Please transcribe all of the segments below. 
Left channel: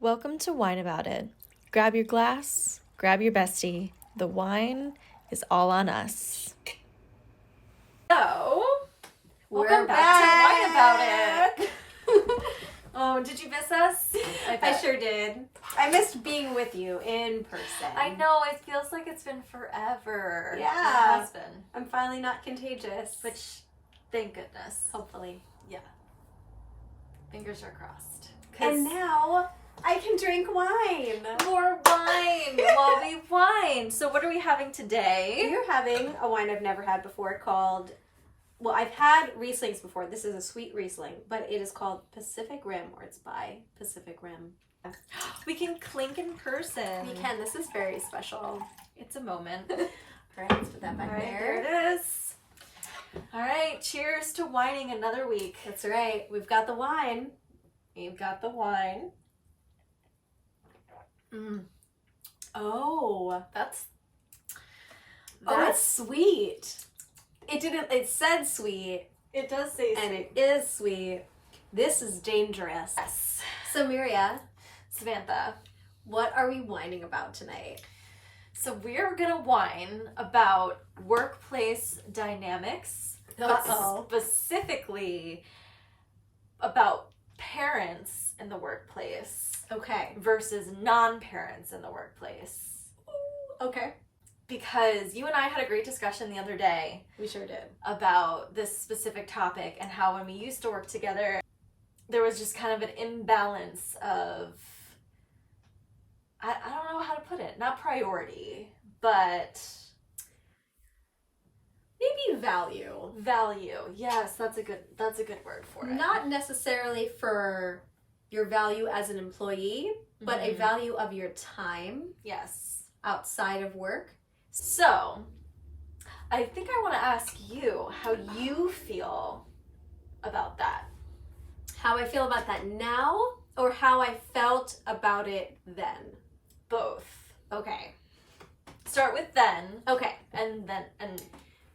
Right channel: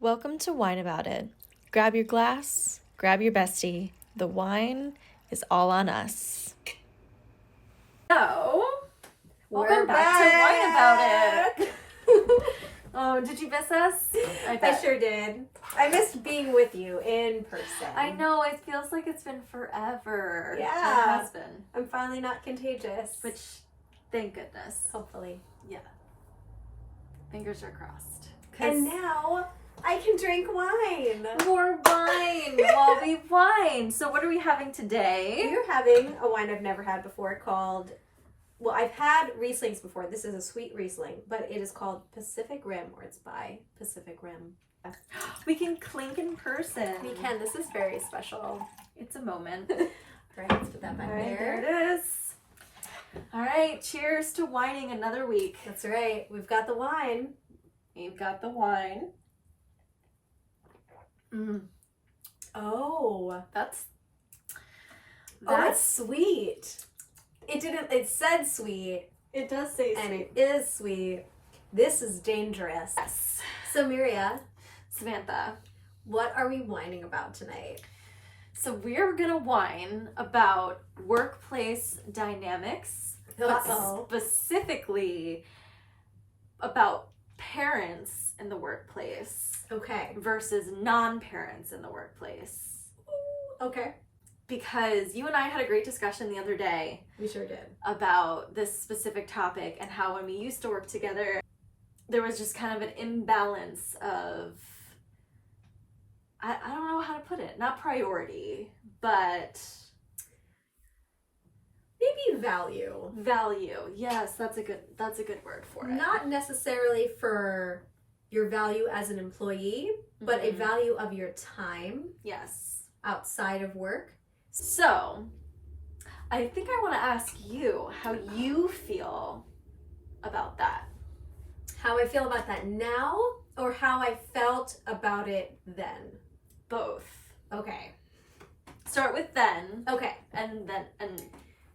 Welcome to Whine About It. Grab your glass, grab your bestie. The wine is all on us. So, welcome We're back to Whine About It. Oh, Did you miss us? I sure did. I missed being with you in person. I know, it feels like it's been forever. Yeah. It has been. I'm finally not contagious. Which, thank goodness. Hopefully. Yeah. Fingers are crossed. And now I can drink wine. More wine while we whine. So what are we having today? We're having a wine I've never had before called, well, I've had Rieslings before. This is a sweet Riesling, but it is called Pacific Rim, or it's by Pacific Rim. We can clink in person. We can. This is very special. It's a moment. All right, let's put that back All right, there. there it is. All right, cheers to whining another week. That's right. We've got the wine. You've got the wine. Oh, That's it's sweet. It said sweet, it does say and sweet. it is sweet. This is dangerous. Yes. So, Miriya, Samantha. what are we whining about tonight? So we're gonna whine about workplace dynamics, but Uh-oh. specifically about parents in the workplace Okay. versus non-parents in the workplace. Okay. Because you and I had a great discussion the other day We sure did. about this specific topic and how when we used to work together, there was just kind of an imbalance of, I don't know how to put it, not priority, but Maybe value. value. Yes, that's a good word for it. Not necessarily for your value as an employee, but a Mhm. value of your time Yes. outside of work. So, I think I want to ask you how you feel about that. How I feel about that now, or how I felt about it then. Both. Okay. Start with then, Okay. and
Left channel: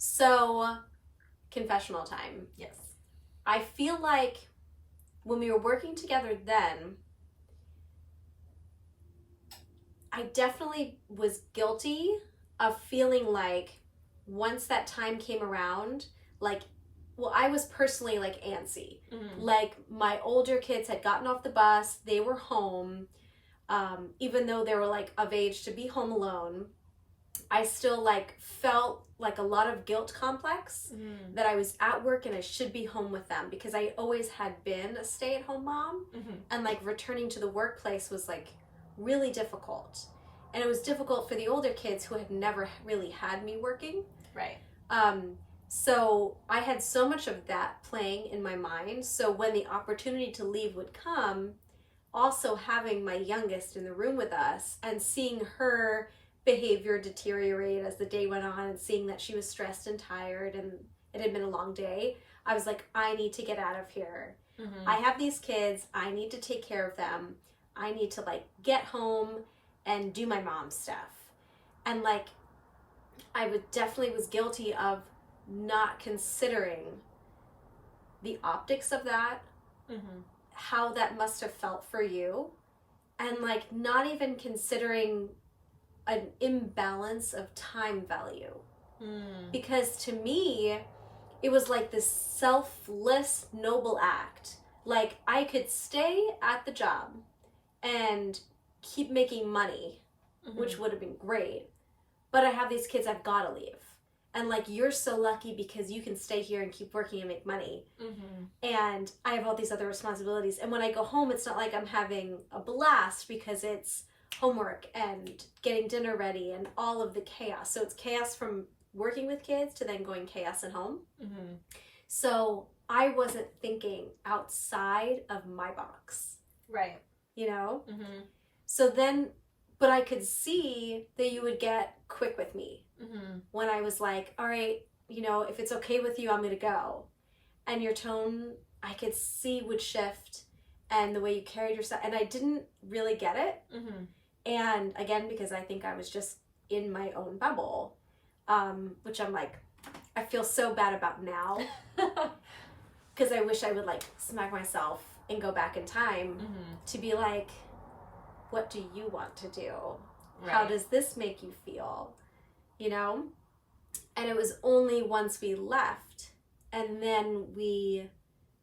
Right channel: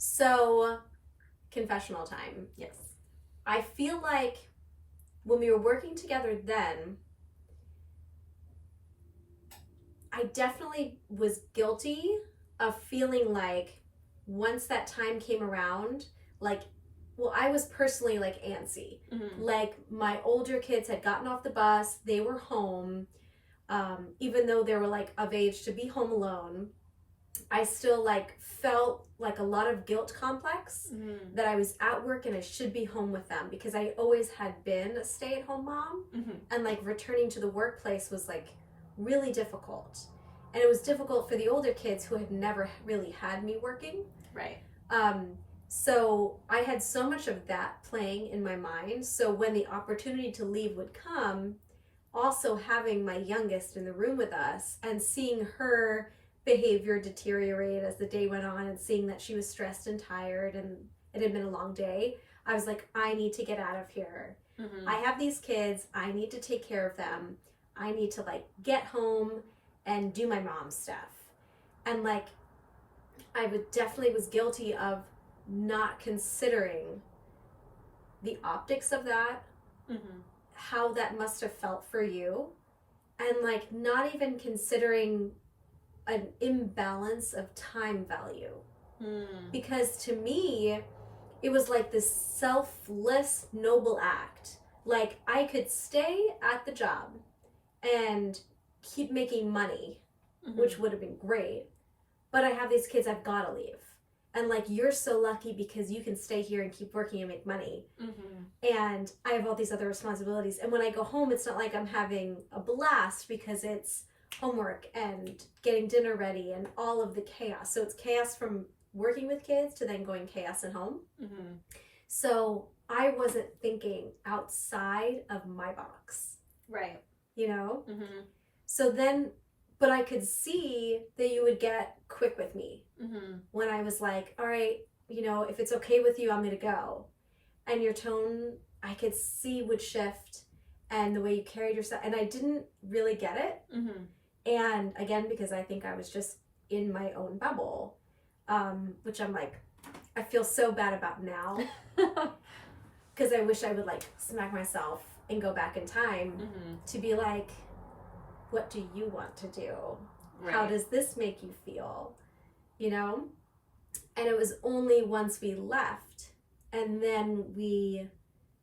So, confessional time. yes. I feel like when we were working together then, I definitely was guilty of feeling like once that time came around, like, well, I was personally like antsy. Mm-hmm. Like, my older kids had gotten off the bus, they were home, even though they were like of age to be home alone. I still like felt like a lot of guilt complex Mm-hmm. that I was at work and I should be home with them, because I always had been a stay-at-home mom, Mm-hmm. and like returning to the workplace was like really difficult. And it was difficult for the older kids who had never really had me working. Right. So I had so much of that playing in my mind. So when the opportunity to leave would come, also having my youngest in the room with us and seeing her behavior deteriorate as the day went on, and seeing that she was stressed and tired and it had been a long day, I was like, I need to get out of here. Mm-hmm. I have these kids, I need to take care of them. I need to like get home and do my mom stuff. And like, I would definitely was guilty of not considering the optics of that, Mm-hmm. how that must have felt for you, and like not even considering an imbalance of time value. Mm. Because to me, it was like this selfless, noble act. Like, I could stay at the job and keep making money, Mm-hmm. which would have been great, but I have these kids, I've got to leave. And like, you're so lucky because you can stay here and keep working and make money. Mm-hmm. And I have all these other responsibilities. And when I go home, it's not like I'm having a blast, because it's homework and getting dinner ready and all of the chaos. So it's chaos from working with kids to then going chaos at home. Mm-hmm. So I wasn't thinking outside of my box, Right. you know? Mm-hmm. So then, but I could see that you would get quick with me Mm-hmm. when I was like, all right, you know, if it's okay with you, I'm going to go. And your tone, I could see, would shift, and the way you carried yourself. And I didn't really get it. Mm-hmm. And again, because I think I was just in my own bubble, which I'm like, I feel so bad about now, because I wish I would like smack myself and go back in time Mm-hmm. to be like, what do you want to do? Right. How does this make you feel? You know? And it was only once we left and then we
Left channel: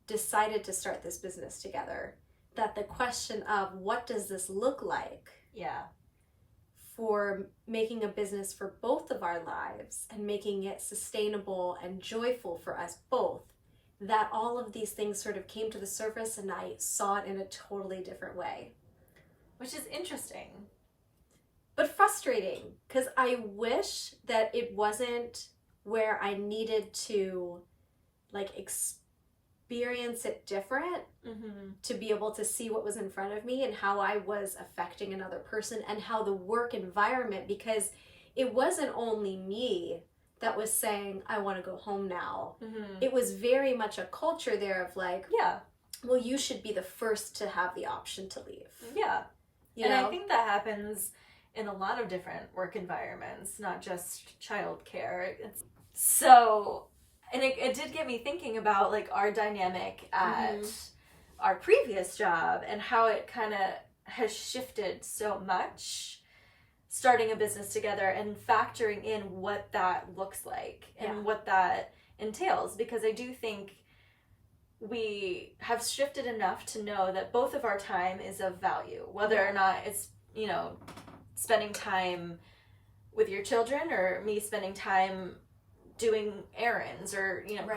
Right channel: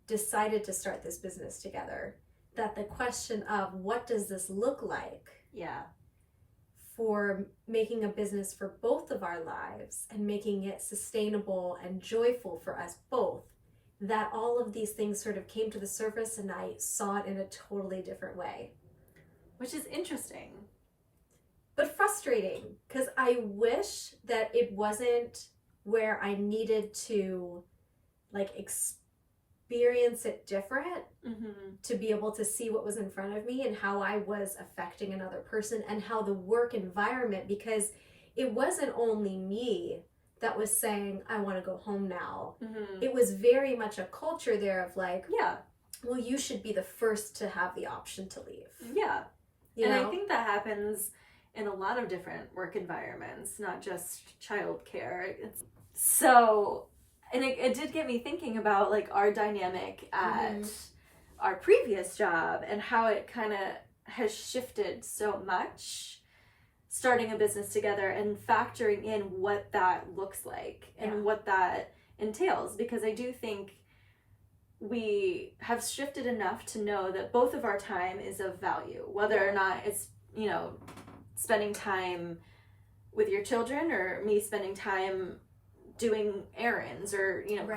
decided to start this business together that the question of what does this look like for making a business for both of our lives and making it sustainable and joyful for us both, that all of these things sort of came to the surface and I saw it in a totally different way. Which is interesting. But frustrating, because I wish that it wasn't where I needed to like experience it different to be able to see what was in front of me and how I was affecting another person and how the work environment, because it wasn't only me that was saying, I want to go home now. It was very much a culture there of like, well, you should be the first to have the option to leave. Yeah. You and know? I think that happens in a lot of different work environments, not just childcare. So, and it did get me thinking about like our dynamic at our previous job and how it kind of has shifted so much, starting a business together and factoring in what that looks like and what that entails. Because I do think we have shifted enough to know that both of our time is of value, whether or not it's, you know, spending time with your children or me spending time doing errands or, you know,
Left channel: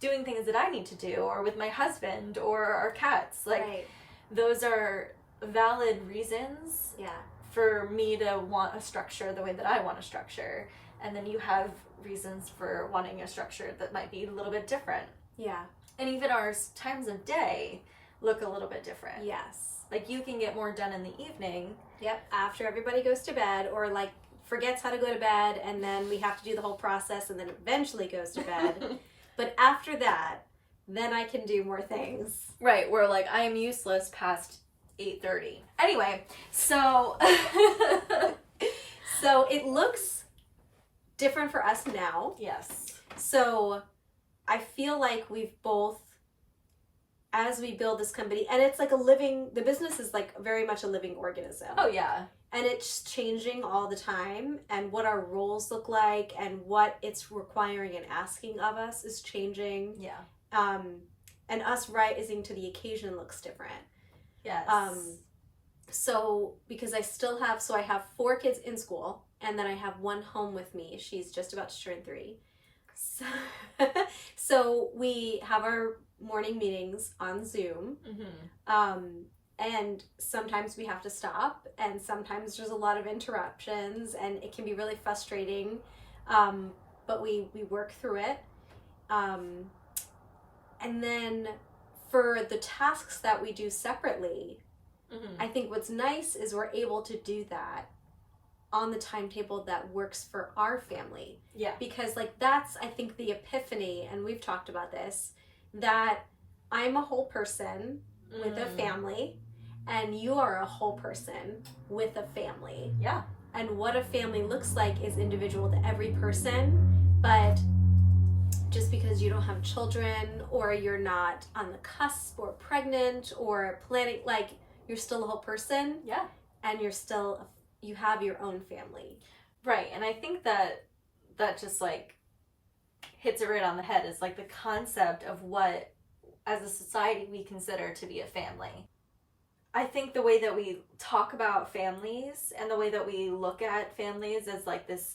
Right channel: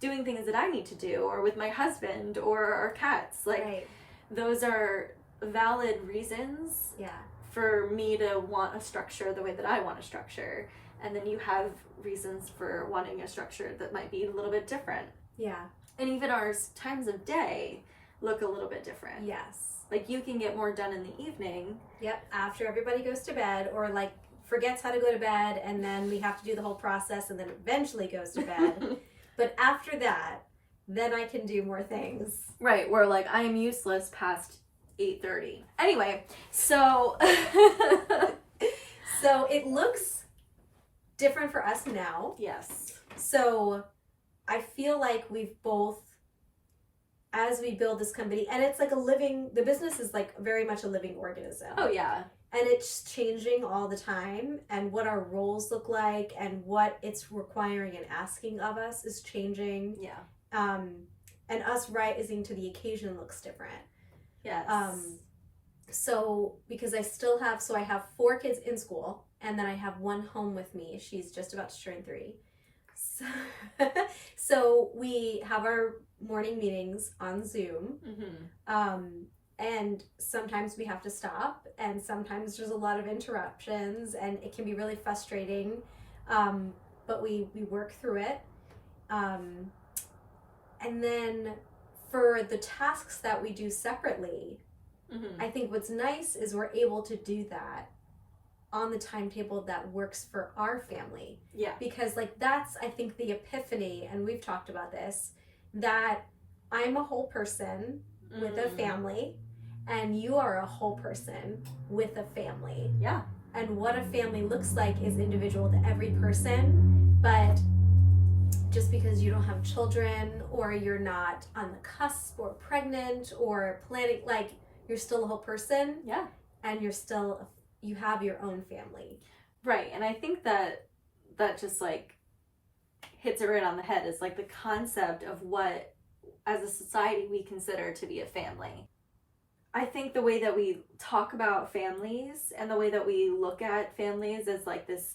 doing things that I need to do, or with my husband or our cats. Like, those are valid reasons for me to want a structure the way that I want a structure. And then you have reasons for wanting a structure that might be a little bit different. Yeah. And even our times of day look a little bit different. Yes. Like, you can get more done in the evening. Yep, after everybody goes to bed, or like forgets how to go to bed, and then we have to do the whole process and then eventually goes to bed. But after that, then I can do more things. Right, where like I am useless past 8:30. Anyway, so so it looks different for us now. Yes. So I feel like we've both, as we build this company, and it's like the business is like very much a living organism. Oh yeah. And it's changing all the time, and what our roles look like and what it's requiring and asking of us is changing. Yeah. And us rising to the occasion looks different. Yes. So because I have 4 kids in school, and then I have one home with me. She's just about to turn 3. So we have our morning meetings on Zoom. And sometimes we have to stop, and sometimes there's a lot of interruptions, and it can be really frustrating. But we work through it. And then for the tasks that we do separately, I think what's nice is we're able to do that on the timetable that works for our family. Yeah. Because like that's, I think, the epiphany, and we've talked about this, that I'm a whole person with a family, and you are a whole person with a family. Yeah. And what a family looks like is individual to every person, but just because you don't have children, or you're not on the cusp or pregnant or planning, like, you're still a whole person. Yeah. And you have your own family. Right. And I think that just like hits it right on the head, is like the concept of what as a society we consider to be a family. I think the way that we talk about families and the way that we look at families is like this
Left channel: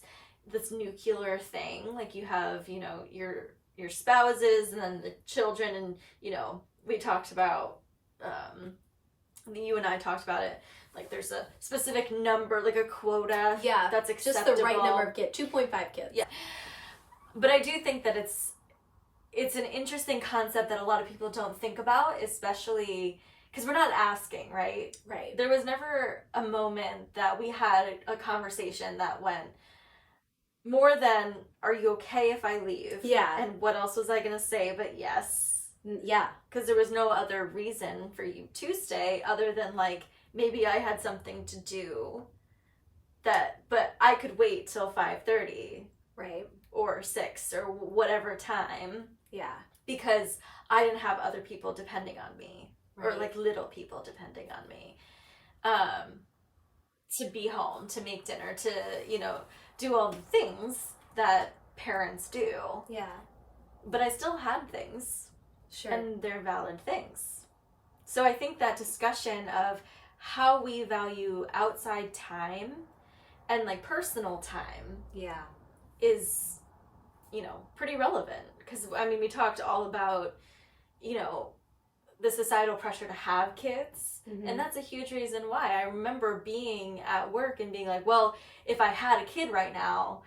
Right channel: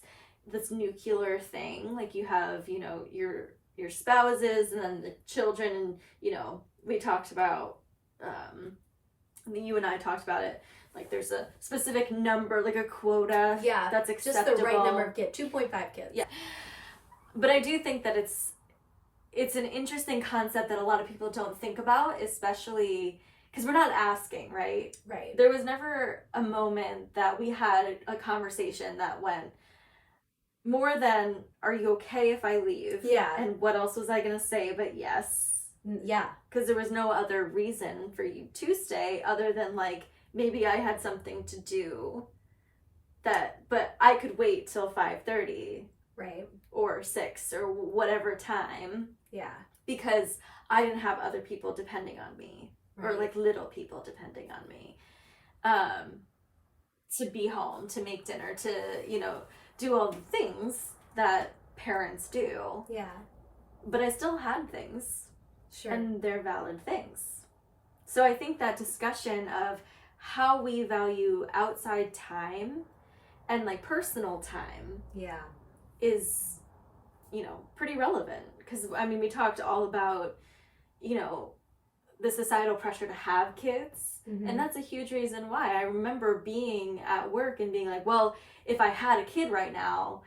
nuclear thing. Like, you have, you know, your spouses and then the children, and, you know, we talked about you and I talked about it, like there's a specific number, like a quota that's acceptable. Just the right number of kids, 2.5 kids. Yeah. But I do think that it's an interesting concept that a lot of people don't think about, especially because we're not asking, right? Right. There was never a moment that we had a conversation that went more than, are you okay if I leave? Yeah. And what else was I going to say but yes? Yeah. Because there was no other reason for you to stay other than like, maybe I had something to do but I could wait till 5:30. Right. Or 6 or whatever time. Yeah. Because I didn't have other people depending on me. Right. Or like little people depending on me. to be home, to make dinner, to, you know, do all the things that parents do. Yeah. But I still had things. Sure. And they're valid things. So I think that discussion of how we value outside time and like personal time yeah. is, you know, pretty relevant. Because, I mean, we talked all about, you know, the societal pressure to have kids. Mm-hmm. And that's a huge reason why. I remember being at work and being like, well, if I had a kid right now,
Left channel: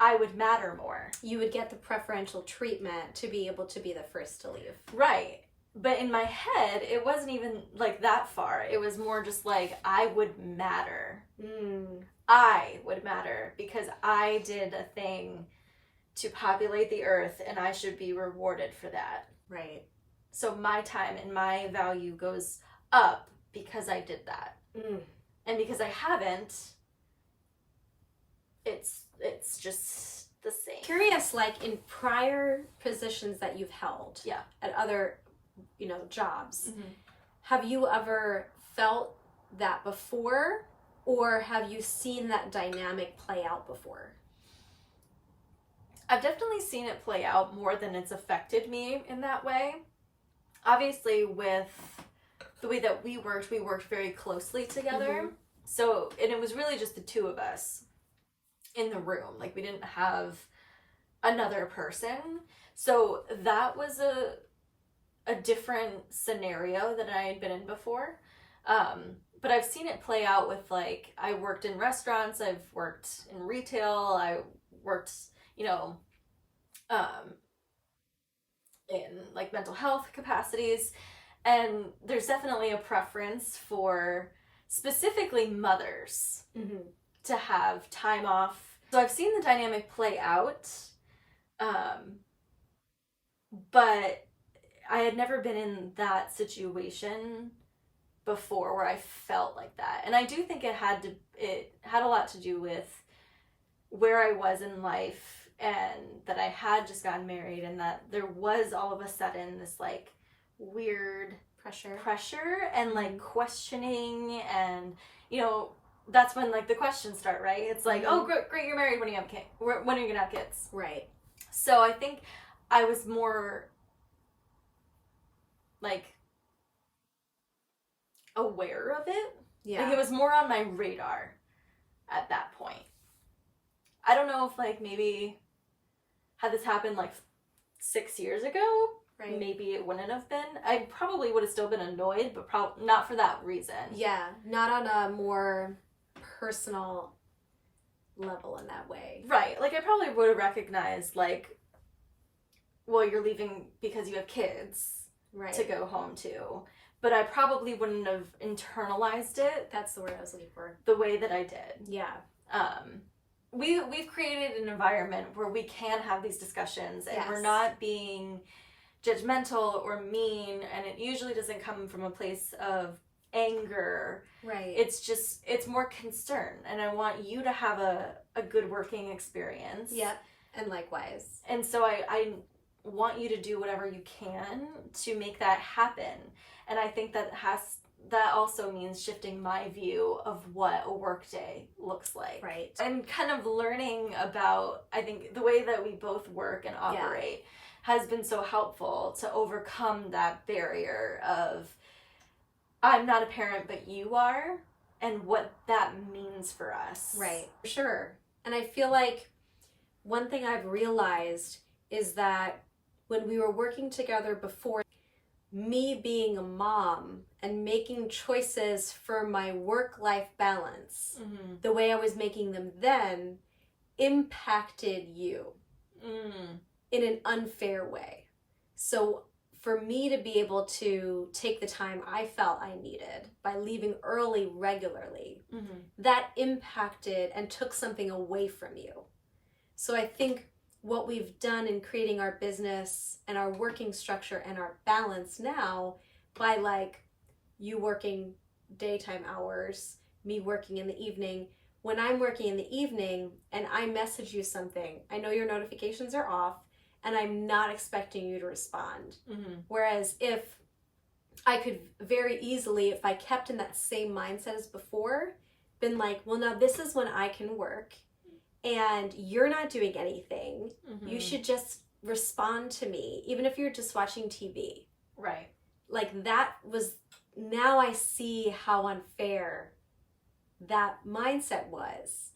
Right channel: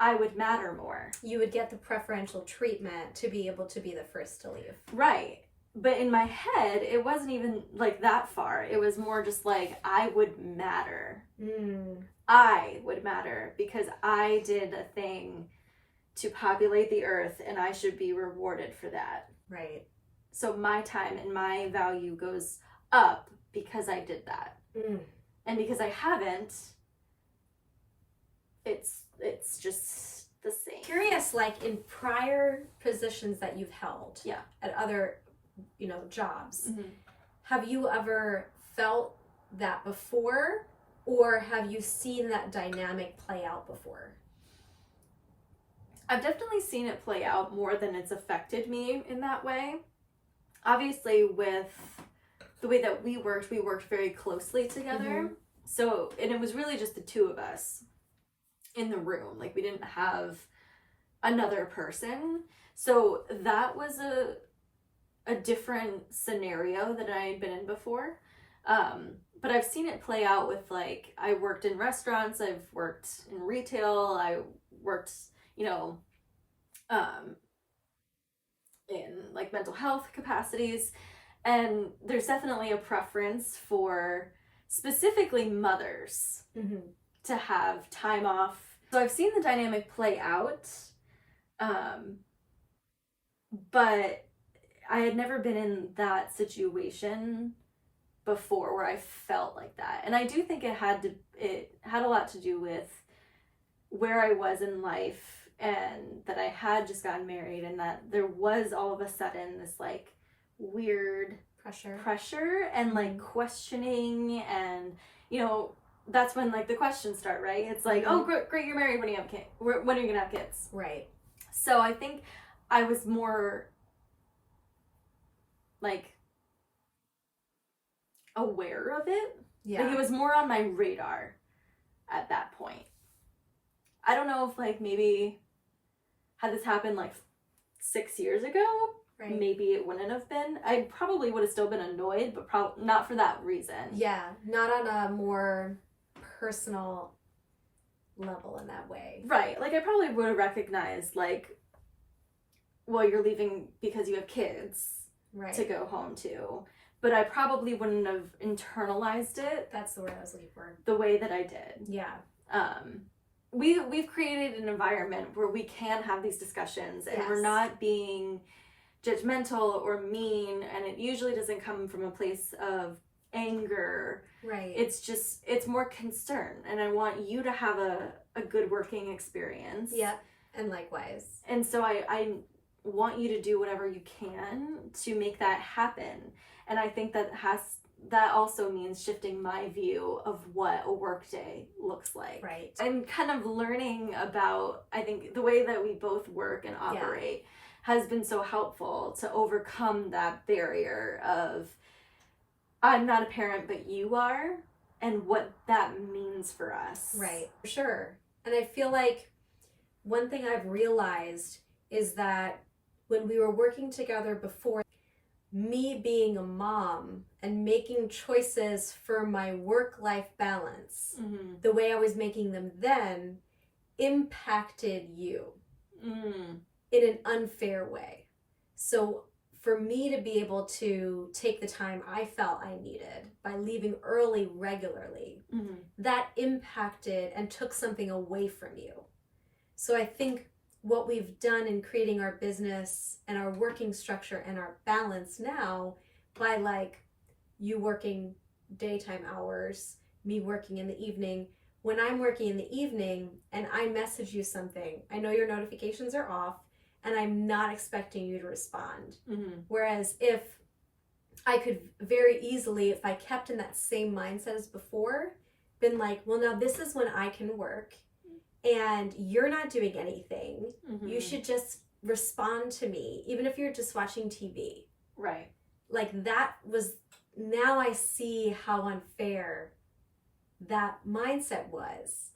I would matter more. You would get the preferential treatment to be able to be the first to leave. Right. But in my head, it wasn't even like that far. It was more just like, I would matter. I would matter because I did a thing to populate the earth and I should be rewarded for that. Right. So my time and my value goes up because I did that. And because I haven't, it's just the same. Curious, like in prior positions that you've held, Yeah. at other, you know, jobs, Mm-hmm. have you ever felt that before, or have you seen that dynamic play out before? I've definitely seen it play out more than it's affected me in that way. Obviously, with the way that we worked very closely together. Mm-hmm. So, and it was really just the two of us in the room. Like, we didn't have another person. So that was a different scenario than I had been in before. But I've seen it play out with, like, I worked in restaurants, I've worked in retail, I worked, you know, in like mental health capacities. And there's definitely a preference for specifically mothers to have time off. So I've seen the dynamic play out, but I had never been in that situation before where I felt like that. And I do think it had a lot to do with where I was in life, and that I had just gotten married, and that there was all of a sudden this like weird pressure and like questioning, and you know, that's when like the questions start, right? It's like, oh great, you're married, when are you gonna have kids? When are you gonna have kids? Right. So I think I was more like aware of it. Yeah. Like it was more on my radar at that point. I don't know if like maybe had this happened like 6 years ago, Right. maybe it wouldn't have been. I probably would have still been annoyed, but probably not for that reason. Yeah, not on a more personal level in that way. Right. Like I probably would have recognized like, well, you're leaving because you have kids Right. to go home to. But I probably wouldn't have internalized it That's the word I was looking for. the way that I did. Yeah. We've created an environment where we can have these discussions, and we're Yes. not being judgmental or mean, and it usually doesn't come from a place of anger. Right. It's more concern, and I want you to have a good working experience. Yep. And likewise. And so I want you to do whatever you can to make that happen. And I think that also means shifting my view of what a workday looks like. Right. And kind of learning about, I think, the way that we both work and operate has been so helpful to overcome that barrier of, I'm not a parent, but you are, and what that means for us. Right. For sure. And I feel like one thing I've realized is that when we were working together before, me being a mom and making choices for my work-life balance, the way I was making them then impacted you in an unfair way. So for me to be able to take the time I felt I needed by leaving early regularly, that impacted and took something away from you. So I think what we've done in creating our business and our working structure and our balance now, by like you working daytime hours, me working in the evening, when I'm working in the evening and I message you something, I know your notifications are off and I'm not expecting you to respond. Whereas if I could very easily, if I kept in that same mindset as before, been like, well, now this is when I can work and you're not doing anything. You should just respond to me, even if you're just watching TV. Right. Like that was, now I see how unfair that mindset was.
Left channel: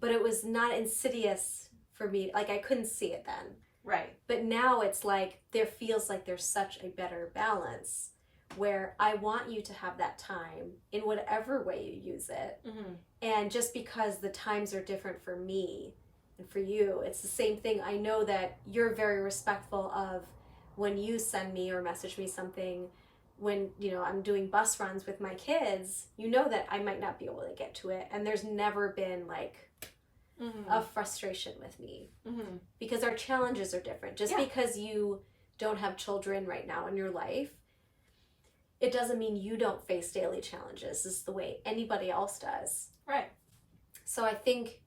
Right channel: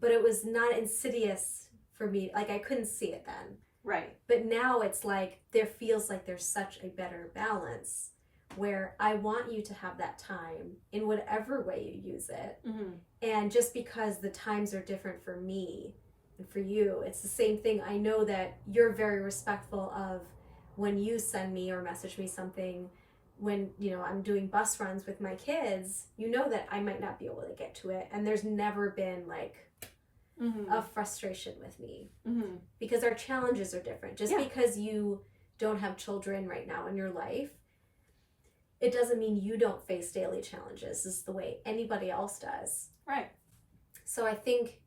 But it was not insidious for me. Like I couldn't see it then. Right. But now it's like, there feels like there's such a better balance where I want you to have that time in whatever way you use it. And just because the times are different for me and for you, it's the same thing. I know that you're very respectful of when you send me or message me something, when, you know, I'm doing bus runs with my kids, you know that I might not be able to get to it. And there's never been like a frustration with me because our challenges are different. Just because you don't have children right now in your life, it doesn't mean you don't face daily challenges. This is the way anybody else does. Right. So I think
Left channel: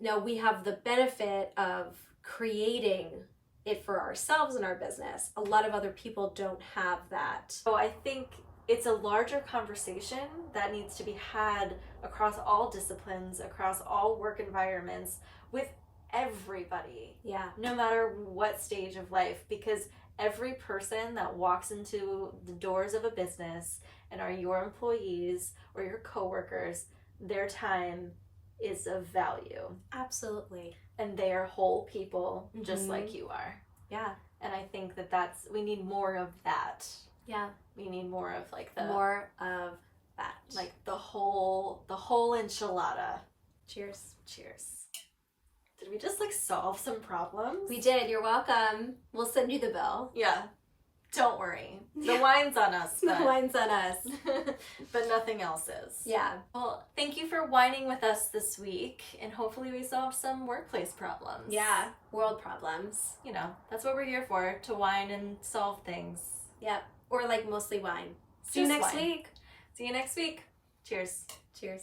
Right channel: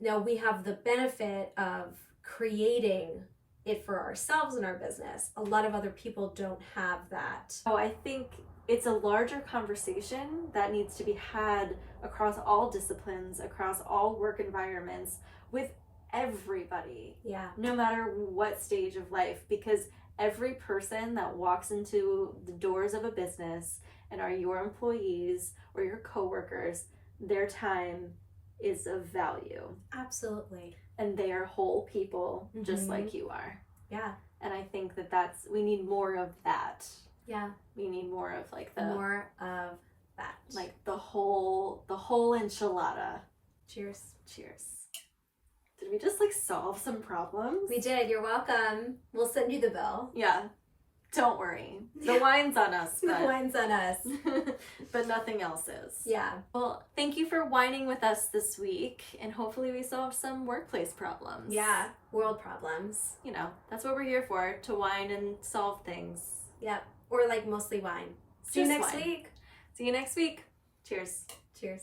now we have the benefit of creating it for ourselves in our business. A lot of other people don't have that. Oh, I think it's a larger conversation that needs to be had across all disciplines, across all work environments, with everybody. Yeah. No matter what stage of life, because every person that walks into the doors of a business and are your employees or your coworkers, their time is of value. Absolutely. And they are whole people just like you are. Yeah. And I think that we need more of that. Yeah. We need more of like more of that. Like the whole enchilada. Cheers. Cheers. Did we just like solve some problems? We did. You're welcome. We'll send you the bill. Yeah. Don't worry. The wine's on us. The wine's on us. But nothing else is. Yeah. Well, thank you for whining with us this week, and hopefully we solved some workplace problems. Yeah. World problems. You know, that's what we're here for, to whine and solve things. Yep. Or like mostly wine. See you next week. See you next week. Cheers. Cheers.